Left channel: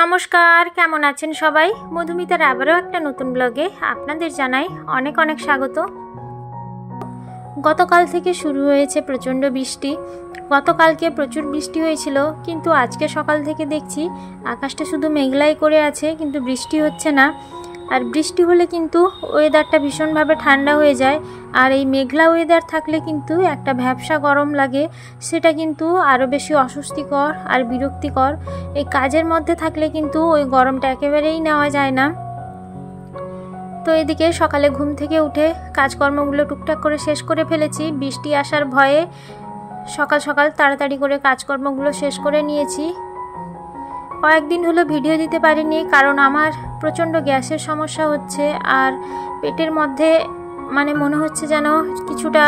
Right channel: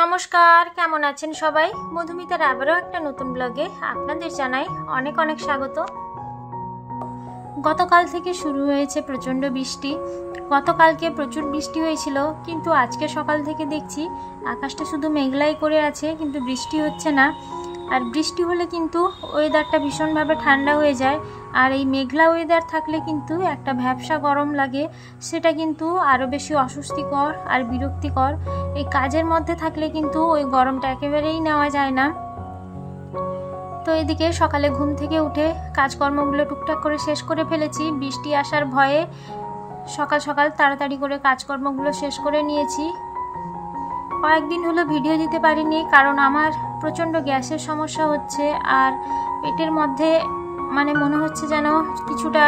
নমস্কার, কেমন আছেন সবাই? মধুমিতার আবারও একটা নতুন ব্লগে আপনাদের জানাই অনেক অনেক স্বাগত। গতকাল থেকে শুরু হয়েছে প্রচণ্ড বৃষ্টি। গতকালকে প্রচুর বৃষ্টি হয়েছিল, কিন্তু আজকে সকাল থেকে দেখছি আকাশটা শুধু মেঘলাই করে আছে, কিন্তু বৃষ্টি হচ্ছে না। আর বৃষ্টি হলে কিন্তু ওয়েদারটা ভীষণভাবে ঠান্ডা হয়ে যায়, আর এই মেঘলা ওয়েদার থাকলে কিন্তু একটা ভ্যাপসা গরম লাগে, সেটা কিন্তু আরও বেশি অস্বস্তিকর আর বিরক্তিকর। এই কাজের মধ্যে থাকলে কিন্তু ওই গরমটা একেবারেই নেওয়া যায় না। তো এদিকে সকালে ঘুম থেকে উঠে কাজকর্মগুলো টুকটাক করে শেষ করে ফেলেছি। বৃষ্টি আসার ভয়ে সকাল সকাল তাড়াতাড়ি করে কাজকর্মগুলো শেষ করে নিয়েছি। কয়েকদিন হলো ভিডিও দিতে পারিনি, কারণ আমার প্রচণ্ড গ্যাসের সমস্যা হচ্ছে, আর পেটের মধ্যে মনে হচ্ছে যেন কিছুটা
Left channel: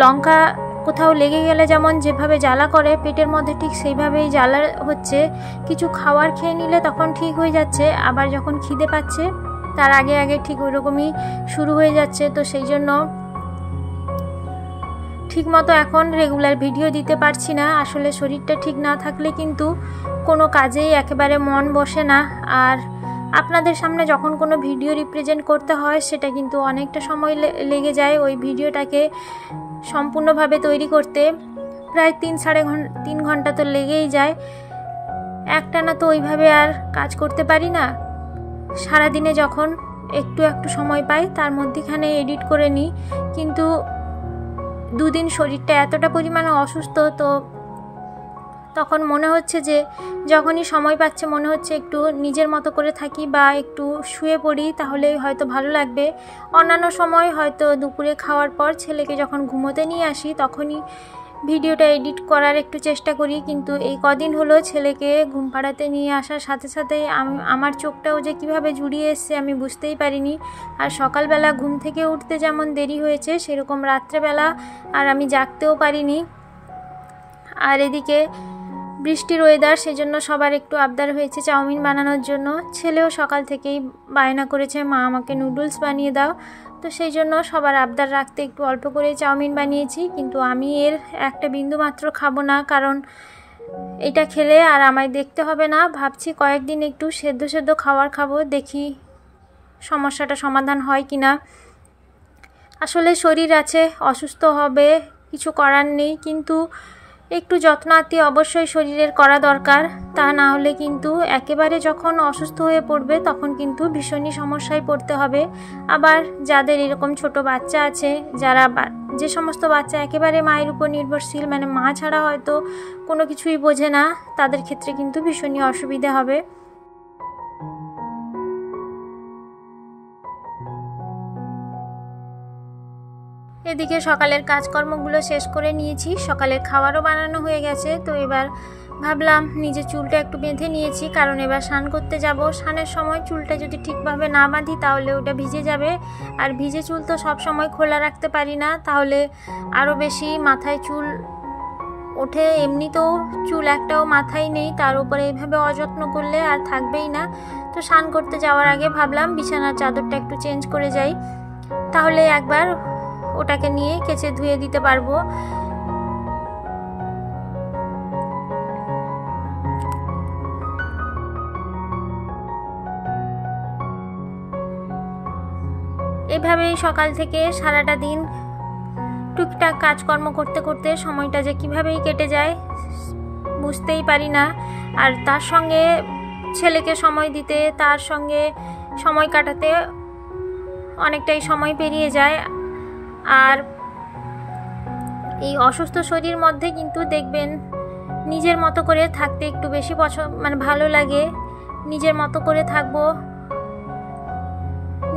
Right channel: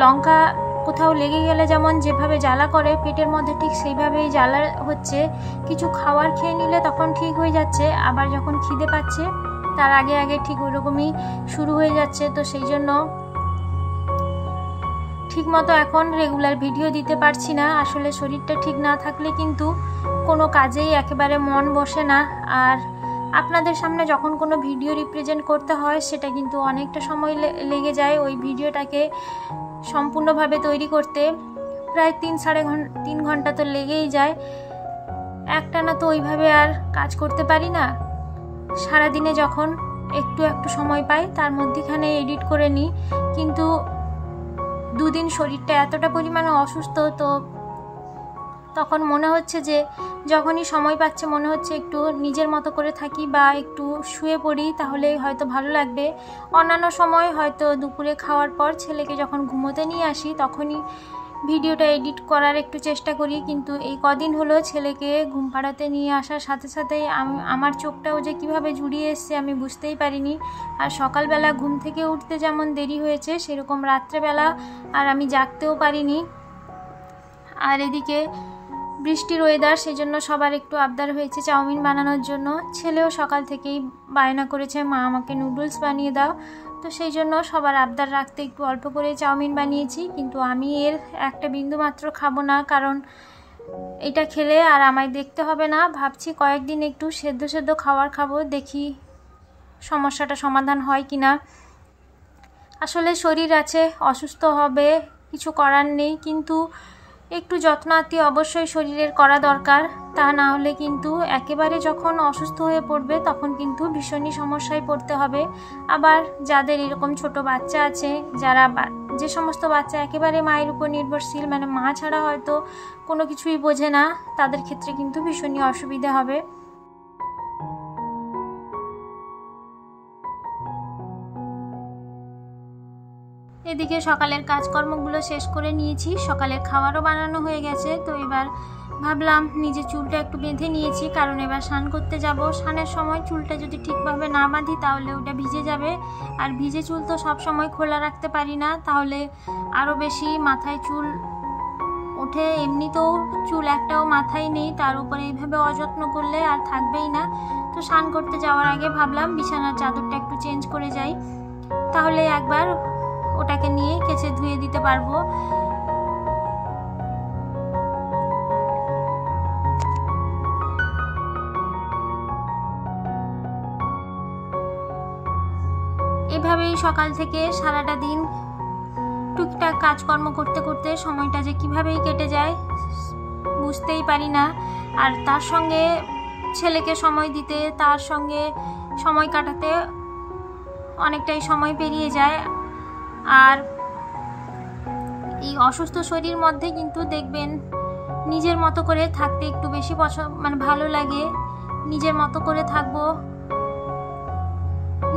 লঙ্কা কোথাও লেগে গেলে যেমন যেভাবে জ্বালা করে, পেটের মধ্যে ঠিক সেইভাবেই জ্বালা হচ্ছে। কিছু খাবার খেয়ে নিলে তখন ঠিক হয়ে যাচ্ছে, আবার যখন খিদে পাচ্ছে তার আগে আগে ঠিক ওইরকমই শুরু হয়ে যাচ্ছে। তো সেই জন্য ঠিকমতো এখন রেগুলার ভিডিও দিতে পারছি না। আসলে শরীরটা ঠিক না থাকলে কিন্তু কোনো কাজেই একেবারে মন বসে না, আর আপনাদের সামনে যখন কোনো ভিডিও রিপ্রেজেন্ট করতে হয় সেটা কিন্তু অনেকটা সময় লেগে যায়। ওই ভিডিওটাকে সম্পূর্ণভাবে তৈরি করতে প্রায় 3-3.5 ঘন্টা তো লেগেই যায়। একটানা তো ওইভাবে আর কাজ করতে পারি না। সারাদিনে যখন একটু একটু সময় পাই তার মধ্যেখানে এডিট করে নিই, কিন্তু দুদিন শরীরটা এতটা পরিমাণে অসুস্থ, তো তখন মনে হচ্ছে যে যখনই সময় পাচ্ছে মনে হচ্ছে একটু নিজের মতো করে থাকি বা একটু শুয়ে পড়ি, তাহলে হয়তো ভালো লাগবে। অন্যান্য সময় হয়তো দুপুরে খাওয়ার পর ছেলেকে যখন ঘুমোতে নিয়ে আসি তখনই ভিডিওটা এডিট করার একটু চেষ্টা করি, কিন্তু এই কদিন হলো ছেলেকে ঘুম পাড়াতে নিয়ে আসার সাথে সাথেই আমার চোখটাও যে কীভাবে জুড়িয়ে এসছে আমি বুঝতেই পারিনি। আর সকালবেলা ঘুম থেকে উঠতে যেমন দেরি হয়েছে, সেরকম রাত্রেবেলা আর আমি জাগতেও পারিনি। আর এদিকে বৃষ্টির ওয়েদার, সেই জন্য সবার একটু আবদার হয়েছে চাউমিন বানানোর জন্য। ছেলেও সকাল থেকেই বায়না করেছে, মা আমাকে নুডলস বানিয়ে দাও। তো সেই জন্য সবার আবদার রাখতে একটু অল্প করে চাউমিন বানিয়েছি, কিন্তু আমি এর একটা বিন্দু মাত্র খাবো না, কারণ এটা খেলে আর আমায় দেখতে হবে না। ভাবছি কয়েকদিন একটু সেদ্ধ সেদ্ধ খাবার খাবো, দেখি সমস্যাটা সমাধান হয় কি না। আসলে শরীর আছে, অসুস্থ হবে, কিছু করার নেই, কিন্তু একটু যত্নাতি অবশ্যই শরীরের করা দরকার। তা না হলে কিন্তু একেবারে যখন অসুস্থ হয়ে পড়বে তখন কিন্তু ভীষণই সমস্যায় পড়তে হবে। আবার যাদের এরকম ছোট বাচ্চা আছে, যে সমস্ত বাচ্চা একেবারে মায়ের উপর নির্ভরশীল, মা ছাড়া হয়তো কোনো কিছুই বোঝে না, তাদের ক্ষেত্রে কিন্তু ভীষণই অসুবিধা হবে। এদিকে সকালের কাজকর্মগুলো শেষ করে নিয়েছি, সকালের খাবারও বানানো হয়ে গেছে। তো এবার ভাবলাম নিজে চুলটা একটু বেঁধে নিয়েছি, কারণ এবার স্নান করতে যাব। স্নানের সময় চুলটা যদি ঠিকভাবে না বাঁধি তাহলে ওটা ভিজে যাবে, আর ভিজে চুল তো সব সময় খোলা রাখতে পারি না, তাহলে আরও বেশি মাথায় চুল ওঠে। এমনিতেও চুল একটাও মাথায় নেই, তার উপরে এইভাবে অযত্ন করলে আর থাকবেই না। তো স্নান করতে যাওয়ার আগে ভাবলাম বিছানার চাদরটা একটু চেঞ্জ করে যাই, তাহলে একবার ওটাকে নিয়ে কেচে ধুয়ে দিতে পারবো। এভাবেই সকাল থেকে সারাটা দিন টুকটাক কাজকর্ম করতে করতে সময়টা যে কিভাবেই কেটে যায় বুঝতেই পারি না। আর তার সঙ্গে ছেলেকে সময় দিতে, তার সঙ্গে সময় কাটাতে অনেকটাই সময় পেরিয়ে যায়। আর এই অসুস্থ শরীর মধ্যে কিন্তু দেখবেন নিজের মতো করে থাকতে একটু বেশি ভালো লাগে। নিজের মতো করে থাকবো,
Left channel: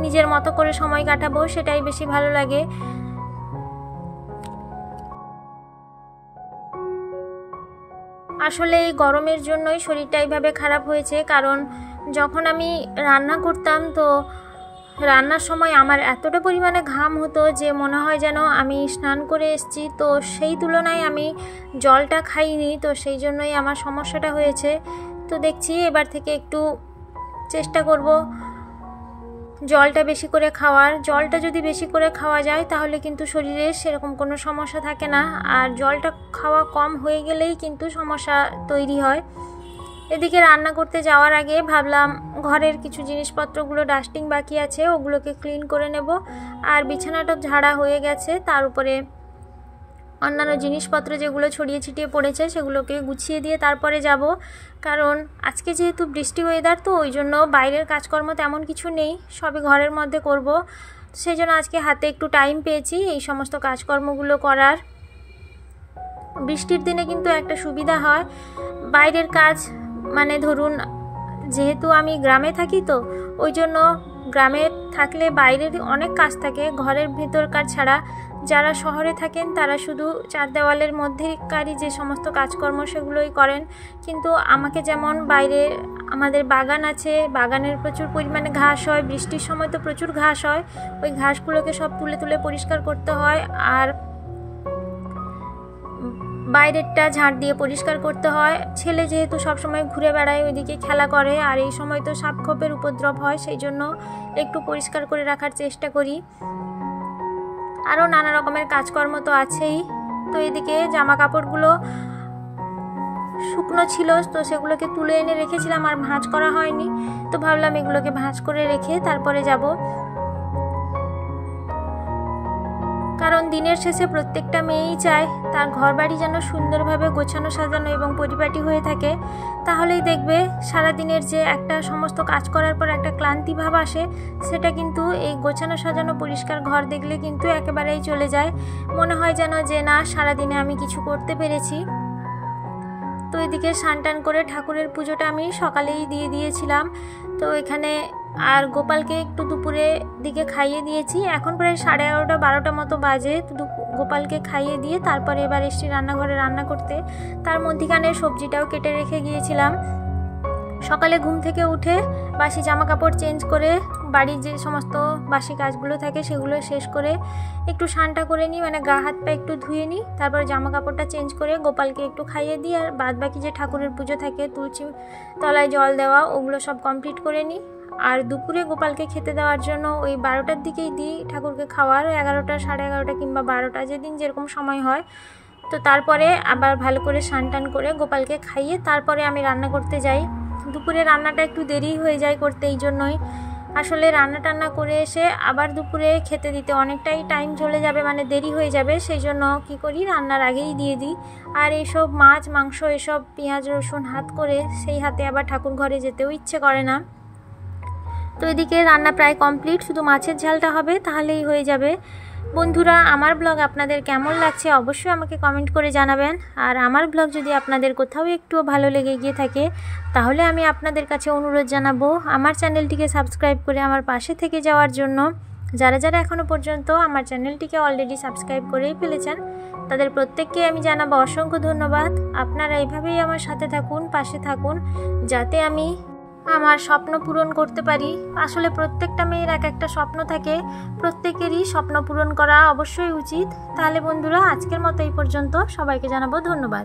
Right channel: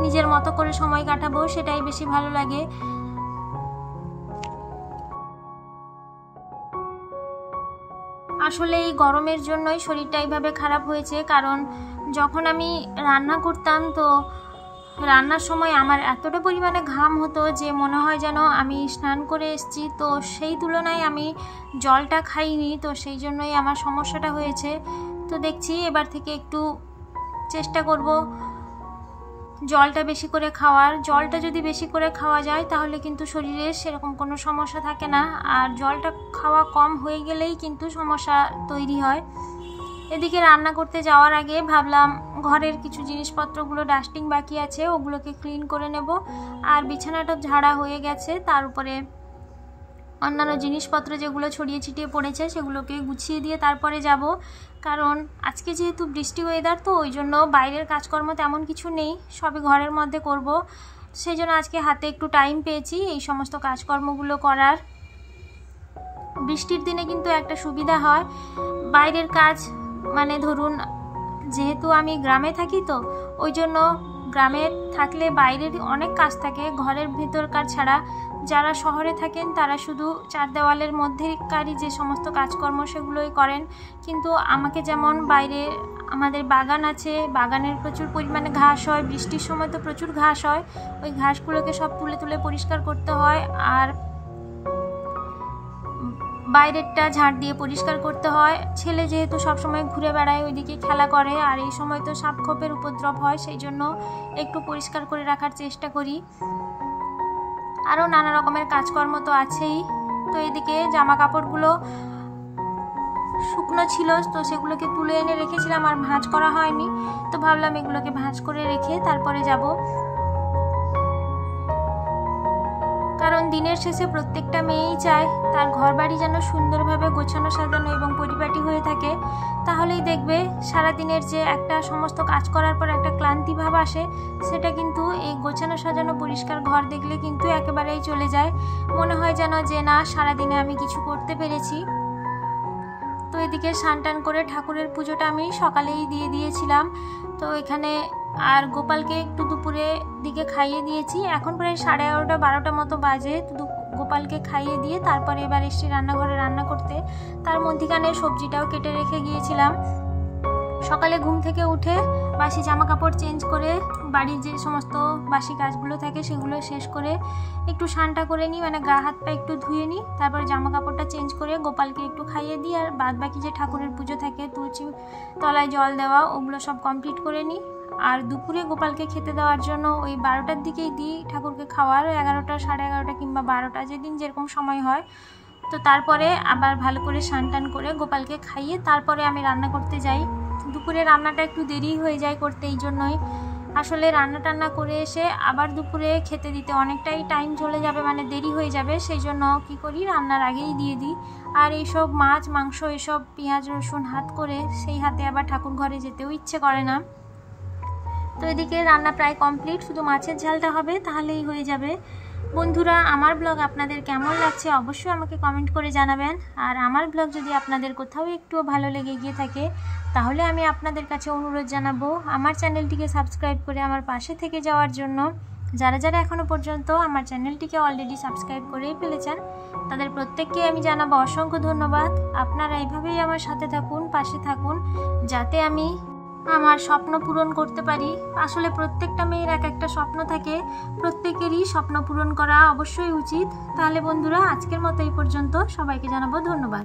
নিজের মতো করে সময় কাটাবো, সেটাই বেশি ভালো লাগে। আসলে এই গরমের জন্যই শরীরটা এইভাবে খারাপ হয়েছে, কারণ যখন আমি রান্না করতাম তো রান্নার সময় আমার এতটা পরিমাণে ঘাম হতো যে মনে হয় যেন আমি স্নান করে এসেছি। তো সেই তুলনায় আমি জলটা খাইনি, তো সেই জন্যই আমার সমস্যাটা হয়েছে। তো দেখছি এবার থেকে একটু চেষ্টা করব জলটা বেশি করে খাওয়ার। জলটা যদি বেশি করে খাওয়া যায় তাহলে কিন্তু শরীরে সেরকম কোনো সমস্যা থাকে না, আর জলটা খাওয়া কম হয়ে গেলেই কিন্তু সমস্যা তৈরি হয়। এদিকে রান্না করতে যাওয়ার আগে ভাবলাম ঘরের কিছু জিনিসপত্রগুলো ডাস্টিং বাকি আছে, ওগুলোকে ক্লিন করে নেব। আর বিছানাটা ঝাড়া হয়ে গেছে, তার উপরে অন্যান্য জিনিসপত্র যেগুলো ছড়িয়ে ছিটিয়ে পড়েছে সেগুলোকে গুছিয়ে দিয়ে তারপরে যাব। কারণ আজকে যেহেতু বৃষ্টি ওয়েদার, তো ওই জন্য বাইরের কাজকর্ম তেমন কিছু নেই, সবই ঘরের মধ্যে করব। সেই জন্য আজকে হাতে একটু টাইম পেয়েছি এই সমস্ত কাজকর্মগুলো করার। বৃষ্টির দিনে কিন্তু একটা সুবিধা হয়, বাইরের কাজ মানে ধরুন যেহেতু আমি গ্রামে থাকি, তো ওই জন্য গ্রামে থাকলে বাইরের অনেক কাজ থাকে, ঘরের ভিতরকার ছাড়া। যারা শহরে থাকেন তারা শুধু চার দেওয়ালের মধ্যেকারই যে সমস্ত কাজকর্ম সেগুলোই করেন। কিন্তু আমাকে যেমন বাইরে আমাদের বাগান আছে, বাগানের প্রচুর পরিমাণে ঘাস হয়, বৃষ্টির সময় তো প্রচুর ঘাস হয়, ওই ঘাসগুলোকে সব তুলে তুলে পরিষ্কার করতে হয়। আর বাইরেরটা ঝাড় দিয়ে পরিষ্কার করতে হয়। ছেলে যেহেতু সবসময় ঘুরে বেড়ায়, ওইদিকে খেলা করে, আর এই সময় তো সাপখোপের উপদ্রব হয়, সেই জন্য একটু পরিষ্কার করে রাখার চেষ্টা করি। আরও নানা রকমের কাজকর্ম তো আছেই। তো এদিকে জামা কাপড়গুলো শুকনো ছিল, তো সেগুলোকে তুলে এনে রেখেছিলাম, আর ভাঁজ করা হয়নি, তো ভাবলাম এগুলোকে ভাঁজ করে রেখে তারপরে যাব। কারণ দিনের শেষে প্রত্যেকটা মেয়েই চায় তার ঘরবাড়ি যেন সুন্দরভাবে গোছানো সাজানো এবং পরিপাটি হয়ে থাকে, তাহলেই দেখবে সারাদিনের যে একটা সমস্ত কাজ করার পর একটা ক্লান্তি ভাব আসে, সেটা কিন্তু এই গোছানো সাজানো পরিষ্কার ঘর দেখলে কিন্তু একেবারেই চলে যায়। মনে হয় যেন যে না, সারাদিনে আমি কিছু করতে পেরেছি। তো এদিকে স্নান করে ঠাকুরের পুজোটা আমি সকালেই দিয়ে দিয়েছিলাম। তো এখানে আর গোপালকে একটু দুপুরে দিকে খাইয়ে দিয়েছি, এখন প্রায় 11:30 12টা মতো বাজে। গোপালকে খাইয়ে দিয়ে তারপরে এবার এসছি রান্নাঘরে রান্না করতে। তার মধ্যিখানে সবজিটাও কেটে রেখে গিয়েছিলাম। সকালে ঘুম থেকে উঠে বাসি জামা কাপড় চেঞ্জ করে বাড়ির যে সমস্ত বাসি কাজগুলো থাকে সেগুলো শেষ করে একটু স্নানটা করে নিই, মানে গা হাত পা একটু ধুয়ে নিই, তারপর জামা কাপড়টা চেঞ্জ করে গোপালকে একটু খাইয়ে দিই। আর বাদ বাকি যে ঠাকুরের পুজো থাকে, তুলসী তলায় জল দেওয়া, ওগুলো সব কমপ্লিট করে নিই। আর দুপুরে গোপালকে খেতে দেওয়ার জন্য ওই 12টার দিকেই দিই ঠাকুরকে খাওয়ার, 11টা 11:30 কিংবা 12টা, যেদিন যেরকম সময় হয়। তো তারপরে আবার ভালো করে স্নান করে গোপালকে খাইয়ে তারপরে আমি রান্না করতে যাই। দুপুরে রান্নাটা একটু দেরি হয়ে যায় করতে, এই জন্যই আসলে রান্না টান্না করে এসে আবার দুপুরে খেতে দিতে অনেকটাই টাইম চলে যাবে, মানে দেরি হয়ে যাবে, সেই জন্য কী করি রান্নার আগেই দিয়ে দিই। আর এইসব মাছ মাংস এসব পেঁয়াজ রসুন হাত করে সেই হাতে আবার ঠাকুর ঘরে যেতেও ইচ্ছে করে না। তো এদিকে রান্না প্রায় কমপ্লিট, শুধু মাছের ঝালটা হবে, তাহলেই হয়ে যাবে। বন্ধুরা, আমার ব্লগ আপনাদের কেমন লাগছে অবশ্যই আমাকে কমেন্ট করে জানাবেন। আর আমার ব্লগ যদি আপনাদের কোথাও একটুও ভালো লেগে গিয়ে থাকে, তাহলে আমি আপনাদের কাছে অনুরোধ জানাবো আমার চ্যানেলটিকে সাবস্ক্রাইব করে আমার পাশে থেকে যাওয়ার জন্য। যারা যারা এখনও পর্যন্ত আমার চ্যানেলটিকে অলরেডি সাবস্ক্রাইব করেই ফেলেছেন, তাদের প্রত্যেককে আমি জানাবো অসংখ্য ধন্যবাদ। আপনারা এইভাবেই আমার সাথে থাকুন, পাশে থাকুন, যাতে আমি আমার স্বপ্ন পূরণ করতে পারি। আসলে প্রত্যেকটা মেয়ের এক একটা স্বপ্ন থাকে, প্রত্যেকেরই স্বপ্ন পূরণ করা অবশ্যই উচিত। তাহলে বন্ধুরা, আজকের মতো এই পর্যন্ত, সবাইকে জানাবো ধন্যবাদ।